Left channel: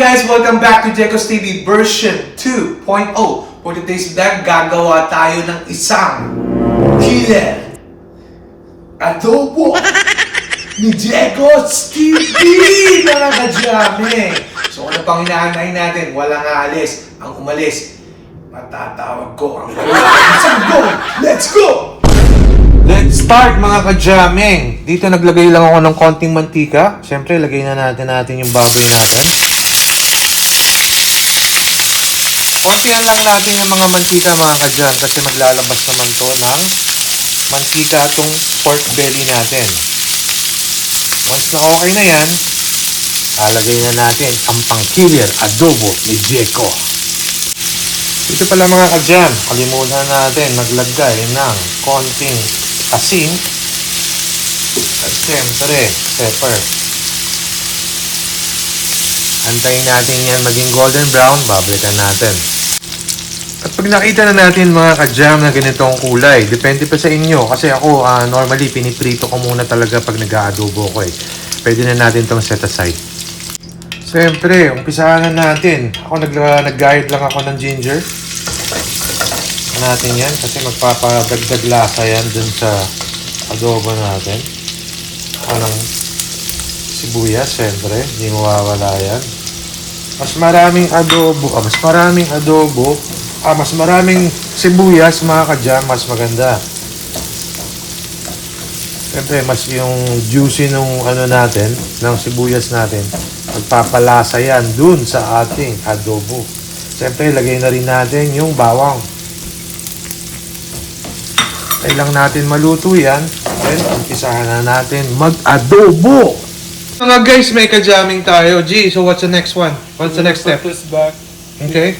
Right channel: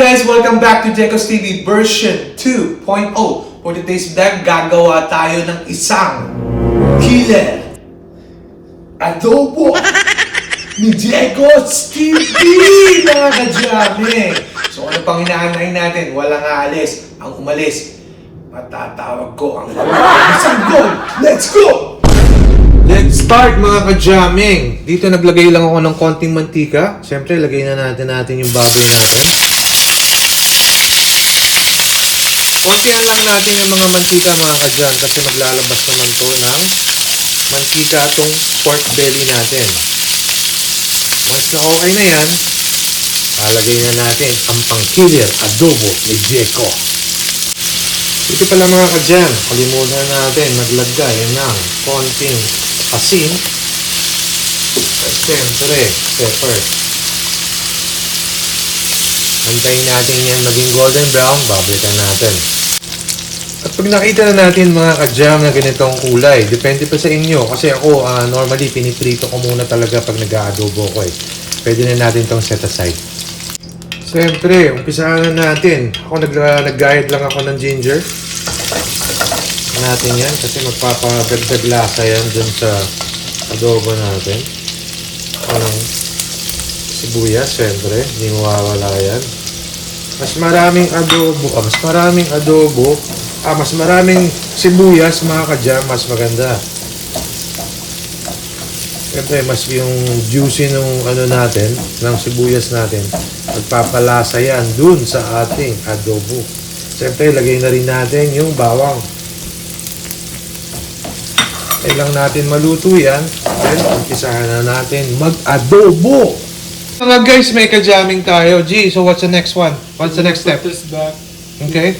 guys! Welcome back to Jekos TV version 2.0. For today's vlog, gagawa tayo ng isang killer adobo ni Jekos TV, mga kadyame. So ano pang hinahanay natin? Walang aalis. Ang umalis, matatawag ko ang isang go! Let's go! Let's start, mga kadyameng. Dito naglagay lang ako ng konting mantika. Siyempre, lagay na natin yung baboy natin. Kontihan lang natin yung mga mantika, mga kadyam, kasi maglalabas naman to ng mantika itong pork belly natin. Once na okay na yan, alagay na natin ang pang-killer adobo ni Jeko. Ito pala, mga kadyam, kalimutan natin maglagay ng konting asin at siyempre pepper. Antayin natin yan maging golden brown, babalikan natin. At pag nakita na natin, mga kadyam, na ganitong kulay, depende pa sa inyo, kasi ako normally piniprito ko muna talaga pag nag-aadobo ko eh. Pwede na natin itong set aside. Siyempre, umpisahan na natin. Ako nag-guide lang ako ng ginger natin yan kasi magpapadagdag lasa yan dun sa adobo natin. Parang sibuyas, siyempre, hindi mawawala yan. Mas maraming sibuyas, mga kadyam, mas maganda. Siyempre, mas yung juicy nung ano natin, ng sibuyas natin, magpapalasa yan dun sa ating adobo. Siyempre, lagay na rin natin yung bawang. Kailang natin maluto yan. Then, umpisahan na natin mag-adobo. Mga guys, may kadyaming tayo. G, so what's the next one? What's the next step? Okay.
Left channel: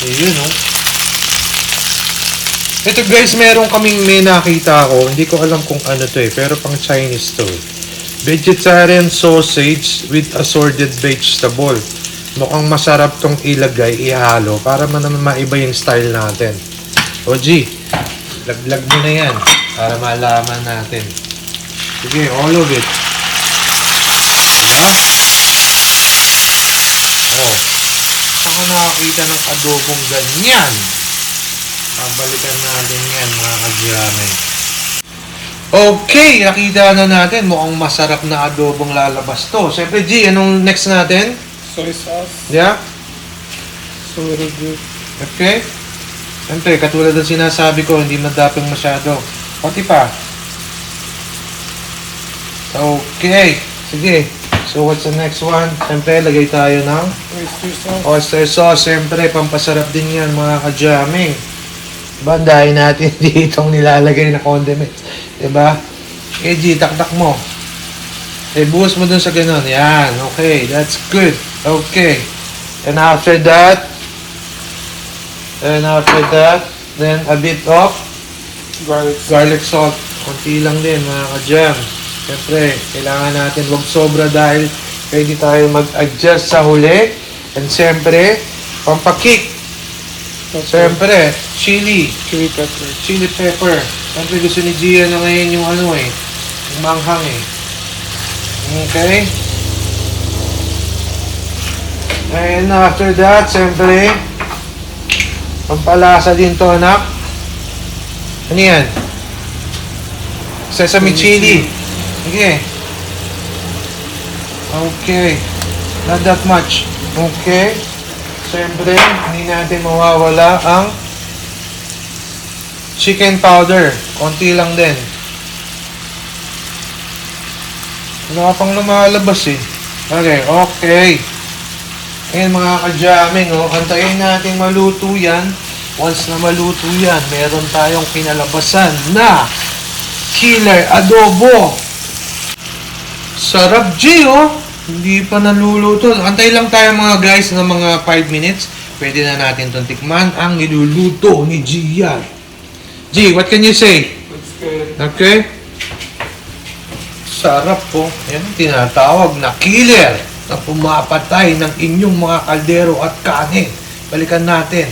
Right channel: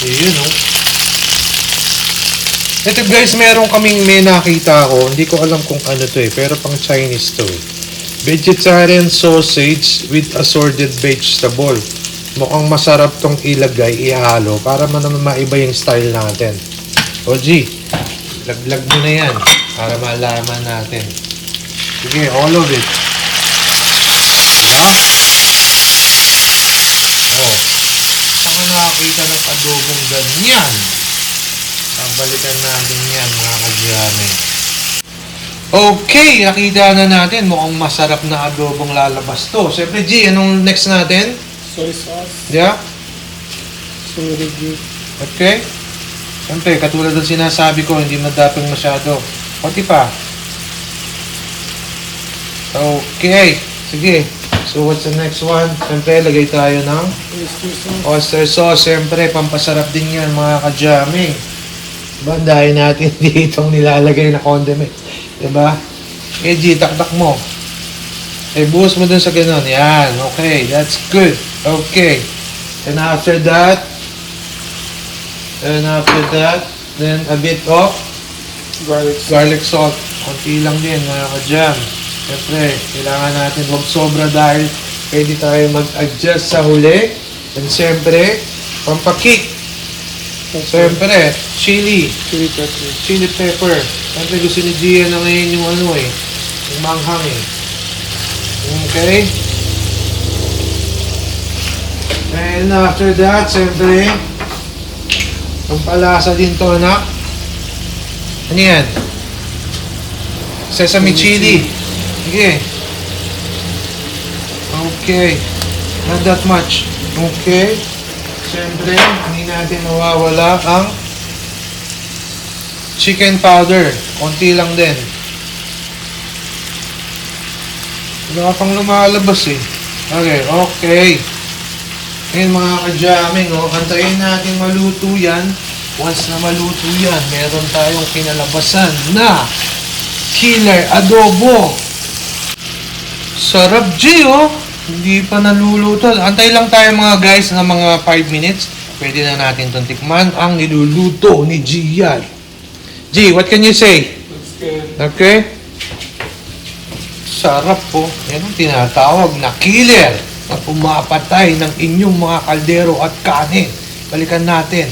Ayun, no? Ito guys, meron kaming may nakita ko. Hindi ko alam kung ano to eh. Pero pang Chinese to. Vegetarian sausage with assorted vegetable. Mukhang masarap tong ilagay, ihalo. Para naman maiba yung style natin. O G, laglag mo na yan para malaman natin. Sige, all of it. Diba? Oh, saan ka nakakita ng adobong ganyan? Pabalikan natin yan, mga kadyame. Okay, nakita na natin. Mukhang masarap na adobong lalabas to. Siyempre G, anong next natin? Soy sauce. Yeah? Soy good. Okay. Siyempre, katulad ng sinasabi ko, hindi madaping masyado. Pati pa. Okay. Sige. So, what's the next one? Siyempre, lagay tayo ng oyster sauce. Siyempre, pampasarap din yan, mga kadyaming. Bandahin natin ditong nilalagay na condiment. Diba? Eh, G, taktak mo. Eh, buhos mo dun sa ganun. Yan. Okay. That's good. Okay. And after that, then a bit of garlic salt. Konti lang din, mga kadyam. Siyempre, kailangan natin huwag sobra dahil pwede tayo mag-adjust sa huli. And siyempre, pampakik. Siyempre, chili pepper. Siyempre, gusto ni Gia na ngayon yung ano eh, yung manghang eh. Okay? And after that, siyempre, pampalasa din to, anak. Ano yan? Sesame chili. Okay. Okay. Not that much. Okay. Siyempre, hindi natin mawawala ang chicken powder. Konti lang din. Wala pang lumalabas eh. Okay. Okay. Ngayon, mga kadyaming, antayin natin maluto yan. Once na maluto yan, meron tayong kinalabasan na killer adobo. Sarap G, oh. Hindi pa naluluto. Antay lang tayo, mga guys, na mga 5 minutes. Pwede na natin itong tikman ang niluluto ni G yan. G, what can you say? Okay? Sarap po. Yan ang tinatawag na killer na pumapatay ng inyong mga kaldero at kanin. Balikan natin.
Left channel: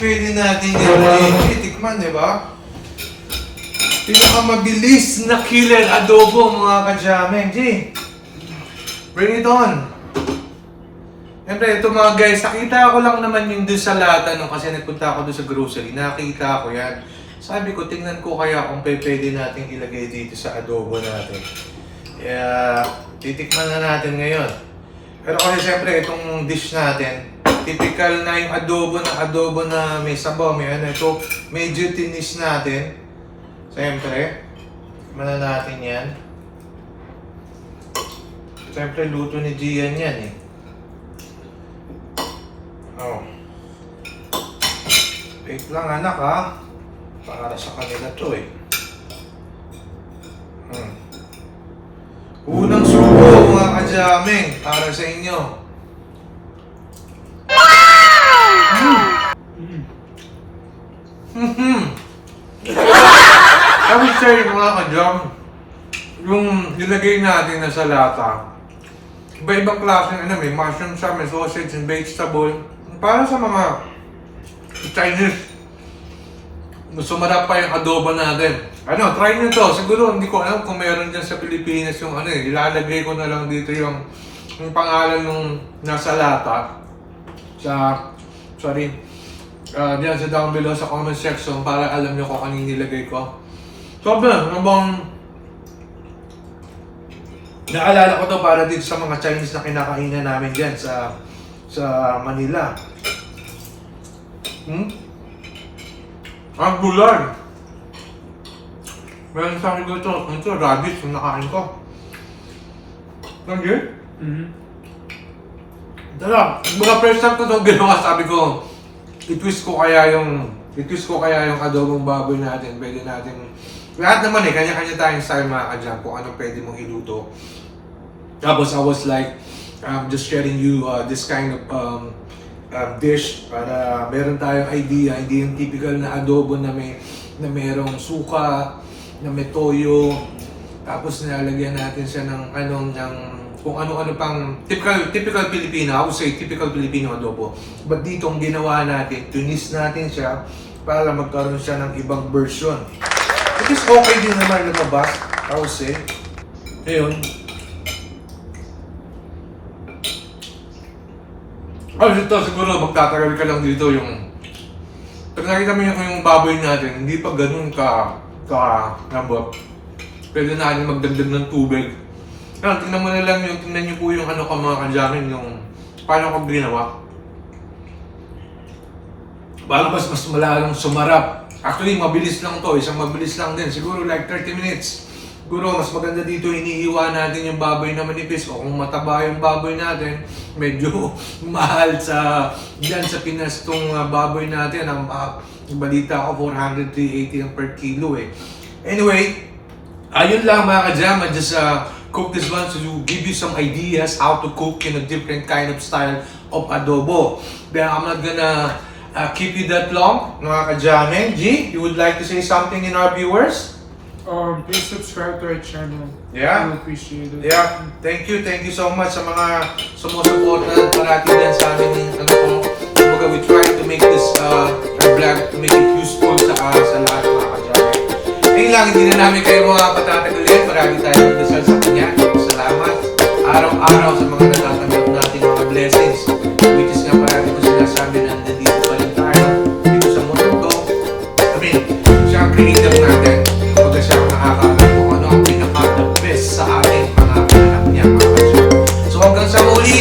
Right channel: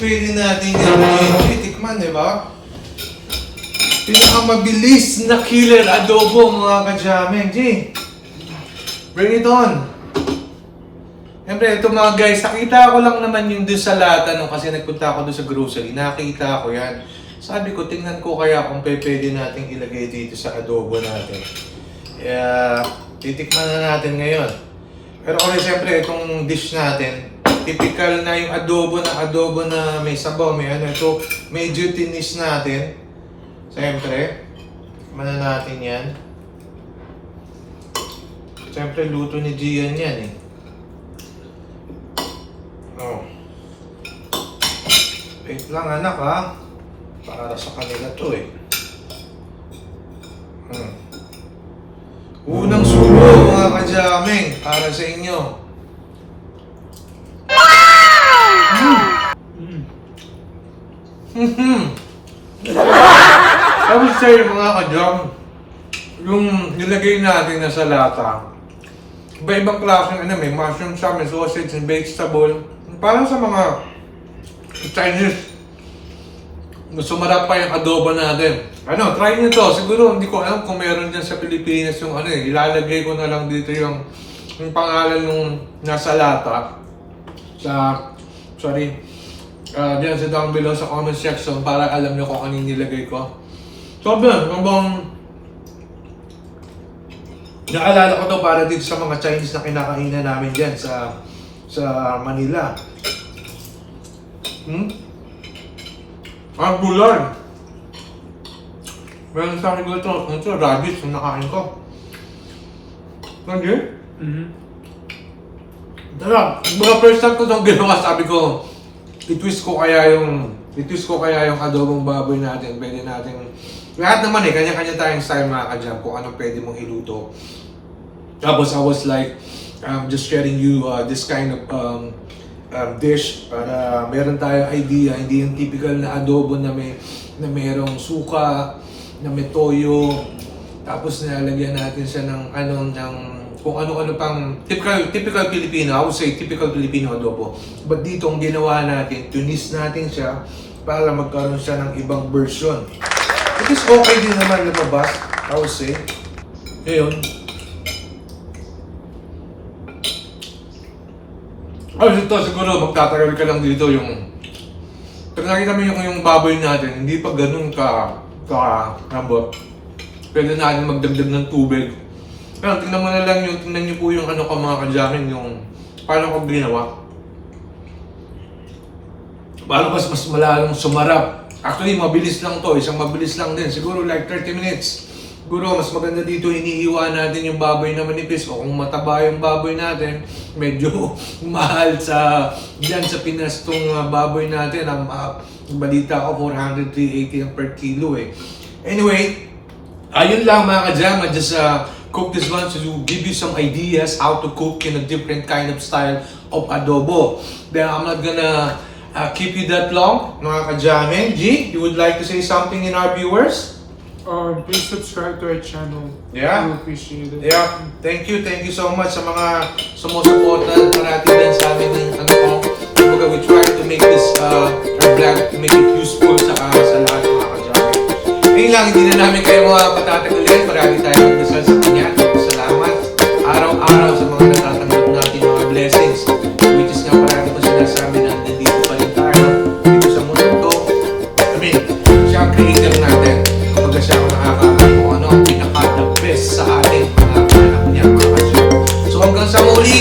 pwede natin yan. Tikman, di ba? Pinakamabilis na killer adobo, mga ka-jamming. G, bring it on. Siyempre, ito mga guys, nakita ko lang naman yung doon sa lata nung kasi nagpunta ako doon sa grocery. Nakita ko yan. Sabi ko, tingnan ko kaya kung pwede natin ilagay dito sa adobo natin. Kaya, titikman na natin ngayon. Pero kasi siyempre, itong dish natin, typical na yung adobo na may sabaw, may ano. Ito, medyo tinis natin. Siyempre, tikman na natin yan. Siyempre, luto ni Gian yan eh. Oh. Wait lang anak ha. Para sa kanila to eh. Unang subo mga ka-jamming para sa inyo. Sabi sa'yo mga ka-jam, yung nilagay natin na sa lata, iba-ibang klase ano, may mushroom siya, may sausage and vegetable. Para sa mga Chinese, sumarap pa yung adobo natin. Ano, try nyo to. Siguro hindi ko alam kung meron dyan sa Pilipinas yung ano eh. Ilalagay ko na lang dito yung pangalan nung nasa lata. Diyan sa down below sa comment section para alam nyo kung anong nilagay ko. So, habang naalala ko to para dito sa mga Chinese na kinakainan namin dyan sa Manila. Ang gulay. Meron sa akin ito, radish yung nakain ko. Hindi? Tara, mga first time ko itong ginawa, sabi ko, itwist ko kaya yung adobong baboy natin, pwede natin, lahat naman eh, kanya-kanya tayong style mga ka-jam, kung anong pwede mong iluto. Tapos I was like, just sharing you this kind of dish para meron tayong idea, hindi yung typical na adobo na merong suka, na may toyo, tapos nilalagyan natin siya ng kung ano-ano pang typical Filipino, I would say typical Filipino adobo. But dito ang ginawa natin, tunis natin siya para magkaroon siya ng ibang version. It is okay din naman lumabas, I would say. Ngayon, dito siguro magtatagal ka lang dito yung pag nakita mo yung baboy natin, hindi pa ganun lambot. Pwede natin magdagdag ng tubig. Tingnan mo na lang tingnan nyo po yung mga ka-jamming, yung paano ko ginawa. Para mas malalong sumarap. Actually, mabilis lang to. Isang mabilis lang din. Siguro like 30 minutes. Siguro mas maganda dito, iniiwan natin yung baboy na manipis. O kung mataba yung baboy natin, medyo mahal dyan sa Pinas tong baboy natin. Ang balita ko, 400, 380 per kilo eh. Anyway, ayun lang mga ka-jam. I just cook this one to give you some ideas how to cook in a different kind of style of adobo. Then I'm not gonna keep you that long, mga ka-jamming. G, you would like to say something in our viewers? Please subscribe to our channel. Yeah. We appreciate it. Yeah, thank you so much sa mga sumusuporta parati din sa amin ng kumbaga we try to make this our vlog to make it useful sa lahat ng mga ka-jamming. Ngayon lang, hindi na namin kayo patatagalin. Marami tayong dasal sa kanya. Salamat araw-araw sa mga natatanggap natin mga blessings. Which is nga parati ko sinasabi na nandito pa rin tayo dito sa mundo ko. Siya ang creator natin. Kapag siya ang nakakaalam kung ano ang pinaka-the best sa atin mga anak niya mga ka-jamming. So hanggang sa muli,